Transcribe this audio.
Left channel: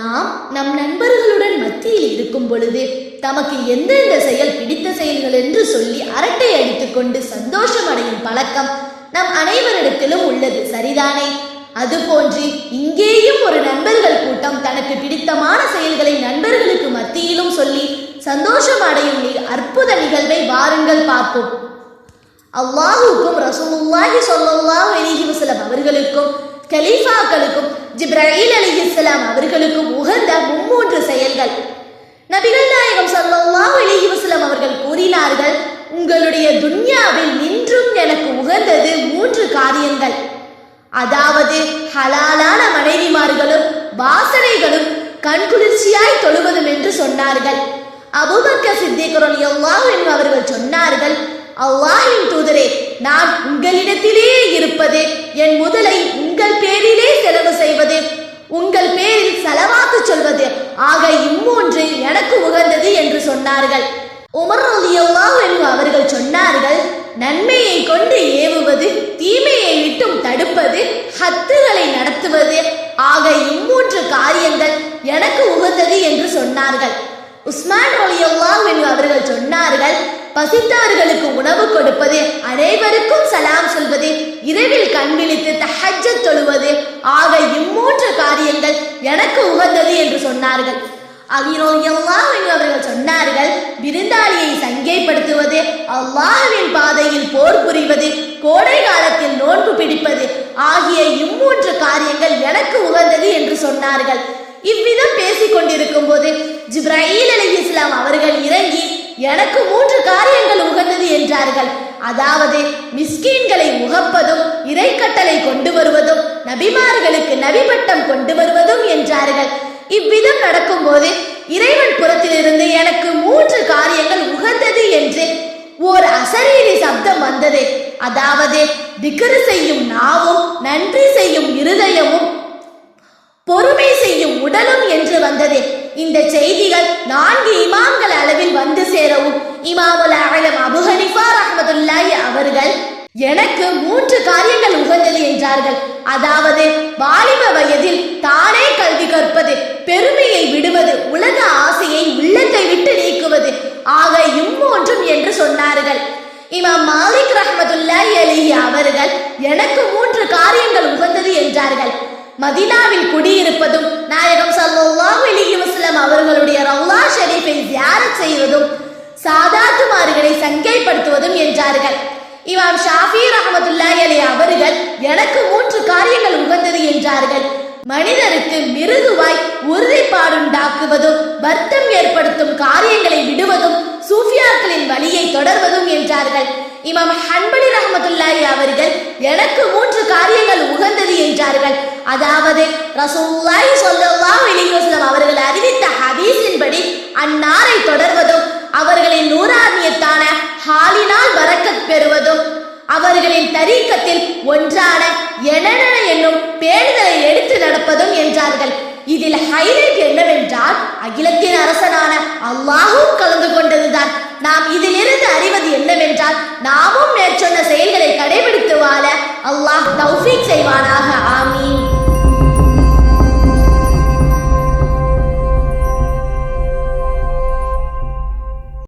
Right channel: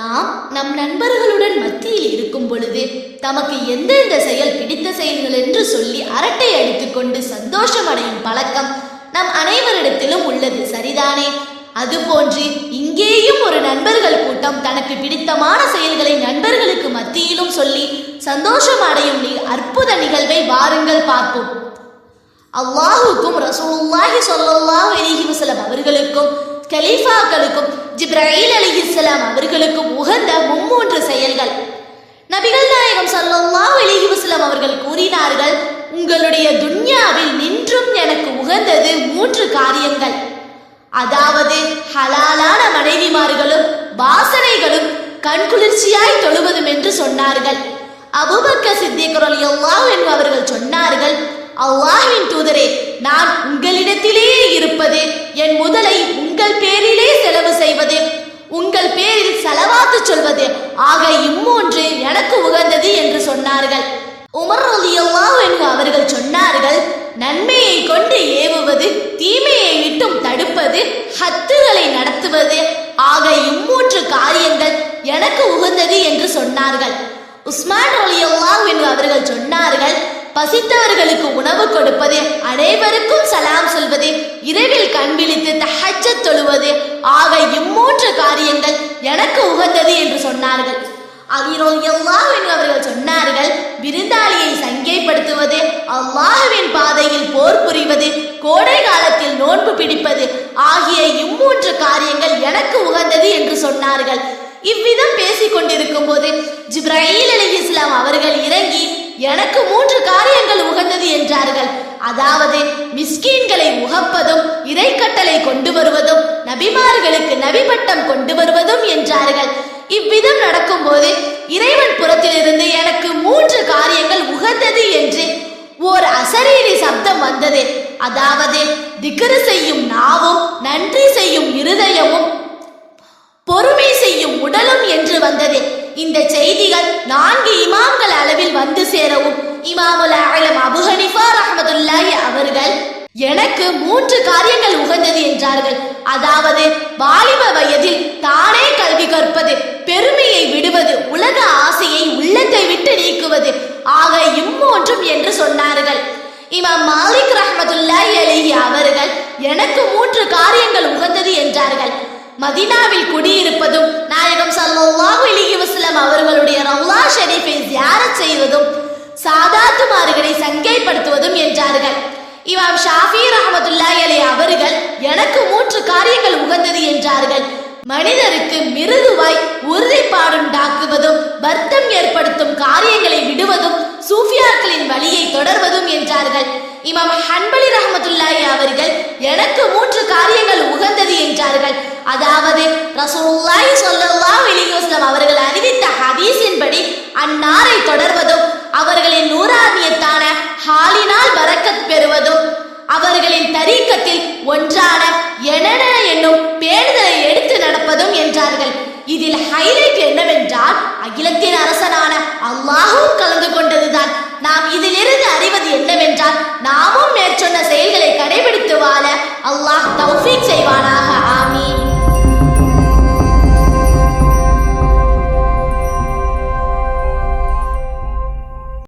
நாம் நம் நண்பர்களுடன் மத்தியில் இருக்கும் பொழுது தமக்கு எந்தெந்த செயல் பிடித்த செயல்கள் என்று சொல்லி அரட்டை அடித்துக்கொண்டு சந்தோஷம் அடையும் பழக்கம் நம் அனைவரிடத்திலும் உள்ளது சரிதானே? அதுபோன்று இங்கேயும் ஒரு நண்பர்கள் கூட்டம் தனக்கு பிடித்தமான செயல்களை நண்பர்களுக்கு மத்தியிலும் சொல்லி சந்தோஷம் அடையும் அற்புத நிகழ்வை வாருங்கள் பார்ப்போம். அல்லாஹுக்கும் ரசூலுல்லாஹி சொல்லல்லாஹு அலிஹி வசலம் அவர்களுக்கும் கலீஃபாக்களுக்கும் ஜிப்ராஹில் அலி இஸ்லாம் அவர்களுக்கு உகந்த மும்மூன்று செயல்கள். நபிகள் நாயகம் ஸல்லல்லாஹு அலிஹி வஸ்லாம் அவர்கள் கூறினார்கள் உங்களுடைய துன்யாவில் நின்றும் எனக்கு உகந்தது மூன்று காரியங்கள். அதாவது ஹலாலான மனைவிமார்களும் வாசனைகளும் கண்குளிர்ச்சியாய் தொழுவதும் என்று சொன்னார்கள். அபுபக்க சித்திக் எல்லாம் என்று அவர்கள் சொன்னார்கள் அல்லாஹின் தூதரே நான் உங்களிடத்திலேயே இருப்பது என் முதலை உங்கள் பேரிலே செலவு செய்வது உங்கள் பேரில் செலவாத்து சொல்வது. ஆக இம்மூன்று எனக்கு உகந்தது என்று சொன்னார்கள். உமர் ரலியல்லாஹு என்று அவர்கள் சொன்னார்கள் நன்மையை கொண்டு ஏவுவது தீமையை விட்டும் தடுப்பது ஹத்துகளை நடத்துவது. ஆக இம்மூன்று காரியங்கள் எனக்கு உகந்தது என்று சொன்னார்கள். உஸ்மான் ரலியல்லாஹு என்று அவர்கள் சொன்னார்கள் பசித்தவர்களுக்கு உணவு கொடுப்பது அனைவருக்கும் சலாம் சொல்வது இரவில் கண் விழித்து தஹஜ தொழுவது ஆக இம்மூன்று காரியங்கள் எனக்கு உகந்தது என்று சொன்னார்கள். அவர்கள் சொன்னார்கள் விருந்தாளியை சங்கைப்படுத்துவது அல்லாஹுவின் பாதையில் போர் புரிவது கோடை காலத்தில் நோன்பு பிடிப்பது ஆகிய இம்மூன்று காரியங்கள் எனக்கு உகந்தது என்று சொன்னார்கள். இவ்விதம் பேசிக் கொண்டிருக்கும் போது ஜிப்ராயில் அலி இஸ்லாம் அவர்கள் இறங்கி எனக்கு மூன்று காரியங்கள் உகந்தது என்றார்கள். அதாவது மிஸ்கீன்களை உகப்பதும் இறைக்கட்டளை கொண்டு வருவதும் நபிமார்களுக்கு நபிபட்டம் கொண்டு வருவதும் என்றார்கள். இவ்விதம் நடக்கும்போது இறைவன் புறத்திலிருந்து எனக்கு மூன்று காரியங்கள் உகந்தது என்று ஓர் அசரீரி சப்தம் வந்தது. அதாவது திகரு செய்யும் நாவும் நன்றி செய்யும் இருதயமும் பொறுமை செய்யும் உடலும் என்று வந்தது. இந்த செய்திகள் நான்கு இமாம்கள் அளவில் வந்து சேரவும். இமாமுல் ஆலம் அபு ஹனிஃபா அவர்கள் எனக்கு மூன்று காரியங்கள் உகந்தது என்றார்கள். அதாவது வாலிப வயதில் தானே கல்வி கற்பது பெருமையை விடுவது உலக ஆசையை உள்ளத்தை விட்டு நீக்குவது ஆக இம்மூன்றும் என்று சொன்னார்கள். இமாம் மாலிக் ரஹ்மத்துல்லாஹி அலிஹி அவர்கள் எனக்கு மூன்று காரியங்கள் உகந்தது என்றார்கள். மதினாவில் குடியிருப்பதும் நாயகம் ஸல்லல்லாஹு அலைஹி வஸல்லம் அவர்களுடைய ரவுலா ஷெரீஃபை ஜியாரத் செய்வதும் சாதாத்துமார்களை சங்கைப்படுத்துவதும் என்றார்கள். இமாம் ஷாஃபி ரஹமத்துல்லாஹி அலி அவர்கள் எனக்கு மூன்று காரியங்கள் உகந்தது என்றார்கள். மனிதருக்கு மிருதுவாய் உறுதிப்பாடுண்டாக்குவதும் வருத்தம் ஏற்படுத்தும் காரியங்களை விடுவதும் சூஃபியாக்களின் வழியை தொடர்வதும் என்றார்கள். இமாம் ஹன்பலி ரஹமத்துல்லாஹி அவர்கள் எனக்கு மூன்று காரியங்கள் உகந்தது என்றார்கள். அதாவது ரசூலுல்லாஹி ஸல்லல்லாஹு அலைஹி வஸல்லம் அவர்கள் அறிவித்த ஹதீஸின்படி அன்னாரை தொடர்வதும் அவர்களின் நூறானியத்தான ஹாலினால் வரக்கத் பெறுவதும் அவர்களின் தரீக்கத்தில் ஒன்றான எனன என்னும் பேணுதலை எடுத்து நடப்பதும் என்றார்கள். இதில் ஹைலைட் என்னவென்றால் அகிலத்தின் அரசனான அல்லாஹும் கலந்து கொண்டதுதான். நாம் இதிலிருந்து அறிவது என்னவென்றால் நாமும் மேற்சொன்ன செயல்களை கடைபிடித்து வாழ அல்லாஹ் தௌஃபீக் செய்வானாக.